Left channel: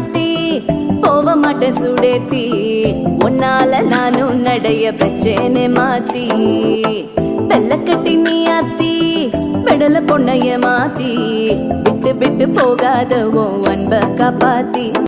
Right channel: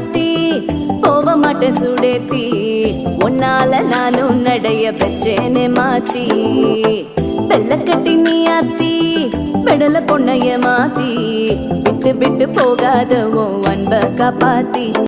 மாத்தி போக மாட்டேன் சுடேத்தி உன்னால நானும் நடைய பெற்றேனே மாத்தி வெள்ள கட்டி நீ ஆத்தி பெடல பொண்ணைய மாத்தி விட்டு விட்டு போகாத உன் அன்ப காப்பாத்தி